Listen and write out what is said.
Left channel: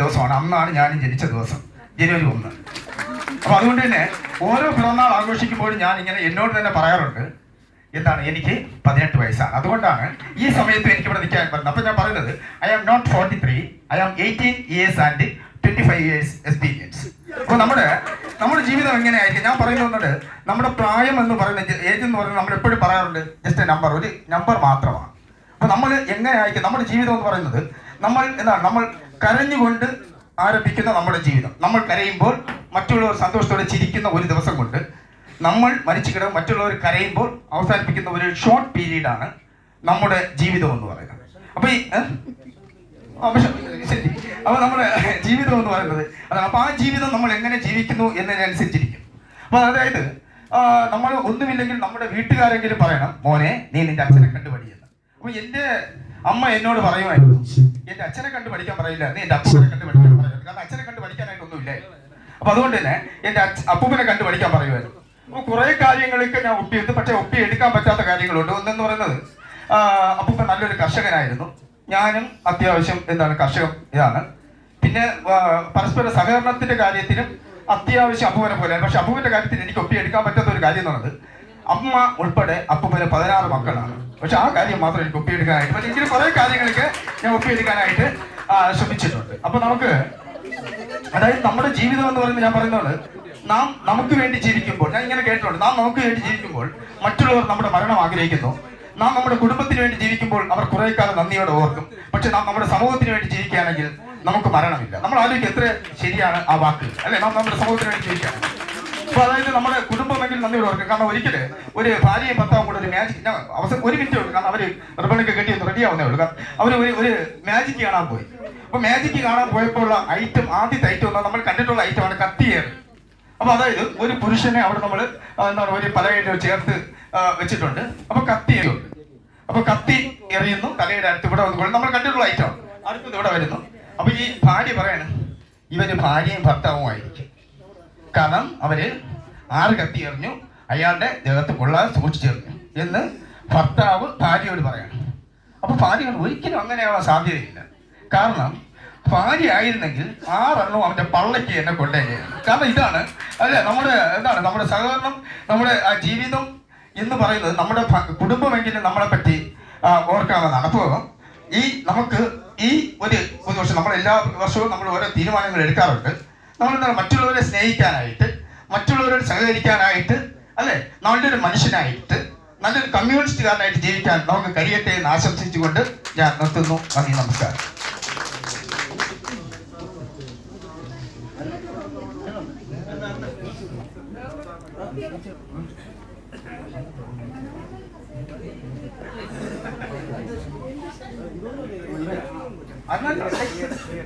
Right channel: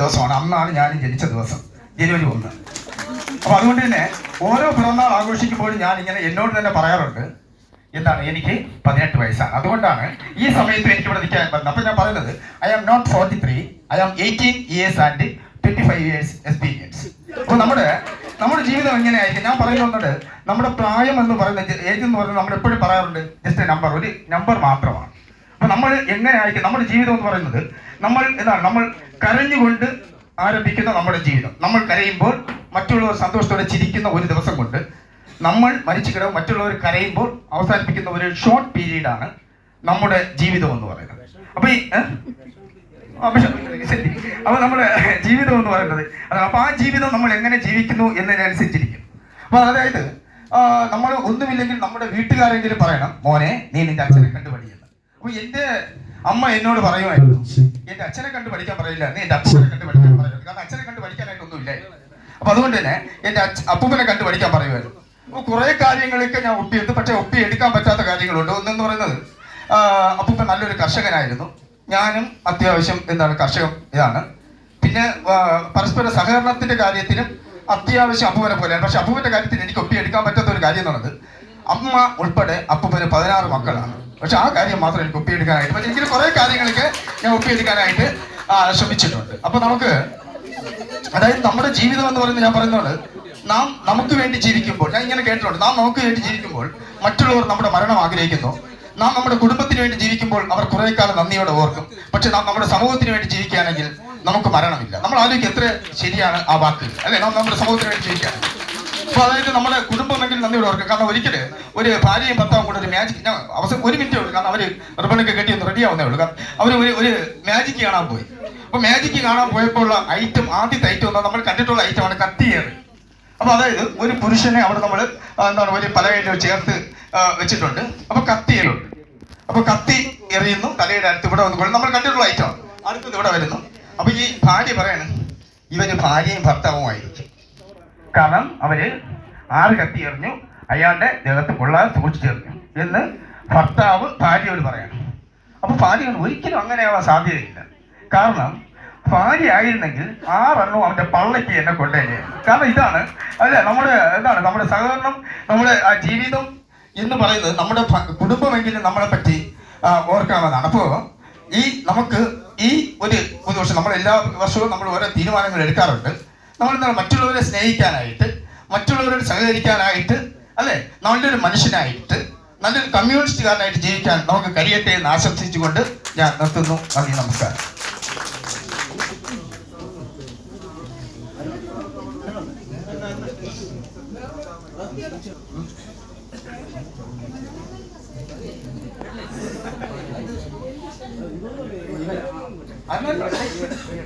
ദിവസമാണ്. അന്നാണ് ഞാൻ ജനിച്ച ദിവസം, ജനുവരി 1. അപ്പൊ അതുകൊണ്ട് തന്നെ ഓരോ പിറന്നാൾ ആഘോഷിക്കുമ്പോഴും ഞാൻ ഇങ്ങനെ എന്നോട് തന്നെ പറയാറുണ്ട്, എന്താണ്, എനിക്ക് 18 വയസ്സാണ്. അതുകൊണ്ടാണ് ഈ സമയത്ത് എനിക്ക് ഇവിടെ നിൽക്കാൻ പറ്റുന്നത്. അപ്പൊ ഞാൻ പറയുന്നത്, I am not 43, I am 18 years and 25 years experience. അപ്പൊ നമ്മുടെ ജീവിതം എങ്ങനെയായിരിക്കും? ഞാൻ പറയുന്നത്, നമ്മുടെ പ്രായം എന്ന് പറയുന്നത്, ഏജ് എന്ന് പറയുന്നത് നമ്മൾ എപ്പോഴും പറയാറുണ്ട്, ജസ്റ്റ് നമ്പർ, ഒരു നമ്പർ മാത്രമാണ്. അപ്പൊ നമ്മൾ എങ്ങനെയായിരിക്കും നമ്മുടെ ജീവിതം എന്ന് പറയുന്നത്? നമ്മൾ കരഞ്ഞുകൊണ്ട് ആരംഭിക്കുന്ന നമ്മുടെ ജീവിതം, നമ്മൾ കരയുമ്പോൾ മറ്റുള്ളവർ സന്തോഷത്തോടെ ചിരിക്കുന്ന ഒരു ദിവസം കൊണ്ട് നമ്മൾ മരിച്ചു കിടക്കും, മറ്റുള്ളവർ കരയുമ്പോൾ അവസാനിപ്പിക്കുന്ന ഒരു ഷോർട്ട് പീരീഡാണ് നമ്മുടെ ജീവിതം എന്ന് പറയുന്നത്. അപ്പൊ നമ്മുടെ ജീവിതം എന്ന് പറയുന്നത് അപ്പൊ ആ ജീവിതം നമ്മൾ എങ്ങനെ ജീവിക്കുന്നു എന്നതിനനുസരിച്ചിരിക്കും. അപ്പൊ അതായത് നമ്മൾ ഒന്നുമില്ലെങ്കിൽ നമ്മുടെ വീട്ടുകാരെങ്കിലും പറയണം, മോനെ നീ നിന്റെ അച്ഛനെ കണ്ടു പഠിയെന്ന്. അപ്പൊ എന്റെ അമ്മ എന്നോട് പറയുമായിരുന്നു, എന്റെ അച്ഛനെ കണ്ടു പഠിക്കാൻ പറയില്ല, നീ എന്റെ അച്ഛനെ കണ്ടു പഠിക്കാൻ പറയുന്നത്. കാരണം അച്ഛനെ കണ്ടു പഠിക്കാനായിട്ടൊന്നും ഇല്ല. അപ്പൊ അതുകൊണ്ട് തന്നെ എന്റെ അപ്പൂപ്പനെ കണ്ടു പഠിക്കാൻ പറയുമായിരുന്നു. അപ്പൊ കുറെ കാര്യങ്ങളൊക്കെ ഞാൻ ഒപ്പിയെടുത്തു, പക്ഷെ ഒപ്പിയെടുക്കാൻ പറ്റാത്ത കാര്യങ്ങളുണ്ട്. ഒന്നെന്ന് പറയുന്നത്, അപ്പൂപ്പൻ നല്ലൊരു കർഷകനായിരുന്നു, ഞാനും അത്യാവശ്യം കർഷകം ഇതാണ്. പിന്നെ പരസ്പര സഹകരണത്തിന്റെ കാര്യത്തിനും അത്യാവശ്യം അപ്പൂപ്പനെ പോലെയാണ്. പക്ഷെ അപ്പൂപ്പന്റെ കാര്യത്തിൽ എനിക്ക് ഒപ്പിയെടുക്കാൻ പറ്റാത്ത ഒരു കാര്യം എന്ന് പറയുന്നത്, അമ്മ ഉൾപ്പെടെ അപ്പൂപ്പന് 16 മക്കളാണ്. പക്ഷെ ആ കാര്യം മാത്രം എനിക്ക് ഒപ്പിയെടുക്കാനായിട്ട്, പക്ഷെ ഇങ്ങനെ കുറെ കാര്യങ്ങളൊക്കെ ഞാൻ ഒപ്പിയെടുക്കാനായിട്ട് ശ്രമിച്ചിട്ടുണ്ട്. അപ്പൊ അതായത് നമ്മുടെ ജീവിതം എന്ന് പറയുന്നത്, ഞാൻ പറയുന്നത്, നാം നമുക്ക് വേണ്ടി ജീവിക്കുമ്പോൾ, ഞാൻ ഇങ്ങനെ കേട്ടിട്ടുണ്ട്, നാം നമുക്ക് വേണ്ടി ജീവിക്കുമ്പോൾ മറ്റുള്ളവർ നമ്മുടെ മരണം ആഗ്രഹിക്കുന്നു. നാം നമ്മുടെ കുടുംബത്തിന് വേണ്ടി ജീവിക്കുമ്പോൾ അവർ കുറെ കാലം നന്ദിയോടെ ഓർക്കും. പക്ഷെ നാം നമ്മുടെ സമൂഹത്തിന് വേണ്ടി ജീവിക്കുകയാണെങ്കിൽ നമുക്ക് മരണമില്ല. നമ്മൾ ആലോചിക്കുക എത്ര ശരിയാണ് ആ വാക്ക്, അല്ലെ? നാം നമ്മുടെ സമൂഹത്തിന് വേണ്ടി ജീവിക്കുകയാണ്. അപ്പൊ അതായത് നമ്മുടെ കുടുംബമെങ്കിൽ നന്ദിയോടെ ഓർക്കും. കാരണം ഒരിക്കല് ഒരു ഭാര്യയും ഭർത്താവും കൂടെ ഒരു മാജിക്, ഞാൻ അവസാനം 1 മിനിറ്റേ ഉള്ളൂ, കാരണം അവര് റിബണൊക്കെ കെട്ടി ഒന്ന് റെഡി ആവുന്നേ ഉള്ളൂ. കാരണം അവർ ഒരു മാജിക് കാണാൻ പോയി. അപ്പൊ മാജിക് കാണാൻ പോയപ്പോൾ ഉള്ള ഐറ്റം, ആദ്യത്തെ ഐറ്റം എന്താ, നമ്മൾ കണ്ടിട്ടുള്ള ഐറ്റമാണ് കത്തിയേറി. അപ്പൊ അതായത് ഒരു പുരുഷനെ അവിടെ നമ്മൾ ഒരു പലകയിൽ ചേർത്ത് വെച്ചിട്ടുണ്ട്. അപ്പൊ കത്തിയിലുണ്ട്. അപ്പൊ കത്തി എറിയുന്നു, തലയുടെ അടുത്ത് ഇവിടെ വന്നുകൊണ്ട് നമ്മൾ കണ്ടിട്ടുള്ള ഐറ്റമാണ്. അടുത്തത് ഇവിടെ വരുന്നു. അപ്പൊ ഈ ഭാര്യ പറയാണ്, ഇവര് ഭാര്യയും ഭർത്താവുമായിരിക്കും. കാരണം അവര് ആറ് കത്തി എറിഞ്ഞു, അയാളുടെ ദേഹത്ത് കൊള്ളാതെ സൂക്ഷിച്ചെറിഞ്ഞു എന്ന് ഭർത്താവ് ഭാര്യയോട് പറയാണ്. അപ്പൊ ഭാര്യ ഒരിക്കലും അങ്ങനെയാവാൻ സാധ്യതയില്ല. കാരണം ഭാര്യ ആയിരുന്നെങ്കിൽ 6 എണ്ണവും അവന്റെ പള്ളയ്ക്ക് എന്നെ കൊണ്ടേനെ. കാരണം ഇതാണ് നമ്മുടെ സഹകരണം, നമ്മുടെ ആ ജീവിതം എന്ന് പറയുന്നത്, നമ്മുടെ കുടുംബമെങ്കിലും നമ്മളെ പറ്റി ഓർക്കാമെന്നാണ്. അപ്പോൾ നമുക്ക് ഒരു വർഷം, നമ്മൾ എല്ലാ വർഷവും നമ്മൾ ഓരോ തീരുമാനങ്ങൾ എടുക്കാറുണ്ട്. നമ്മൾ മറ്റുള്ളവരെ സ്നേഹിക്കാനായിട്ട്, മറ്റുള്ളവരോട് സഹകരിക്കാനായിട്ട്, അല്ലെ, നമ്മളുടെ ഒരു മനുഷ്യനായിട്ട്, നല്ലൊരു കമ്മ്യൂണിസ്റ്റുകാരനായിട്ട് ജീവിക്കാൻ നമുക്ക് കഴിയട്ടെ എന്ന് ആശംസിച്ചുകൊണ്ട് ഞാൻ നിർത്തുന്നു. നന്ദി, നമസ്കാരം.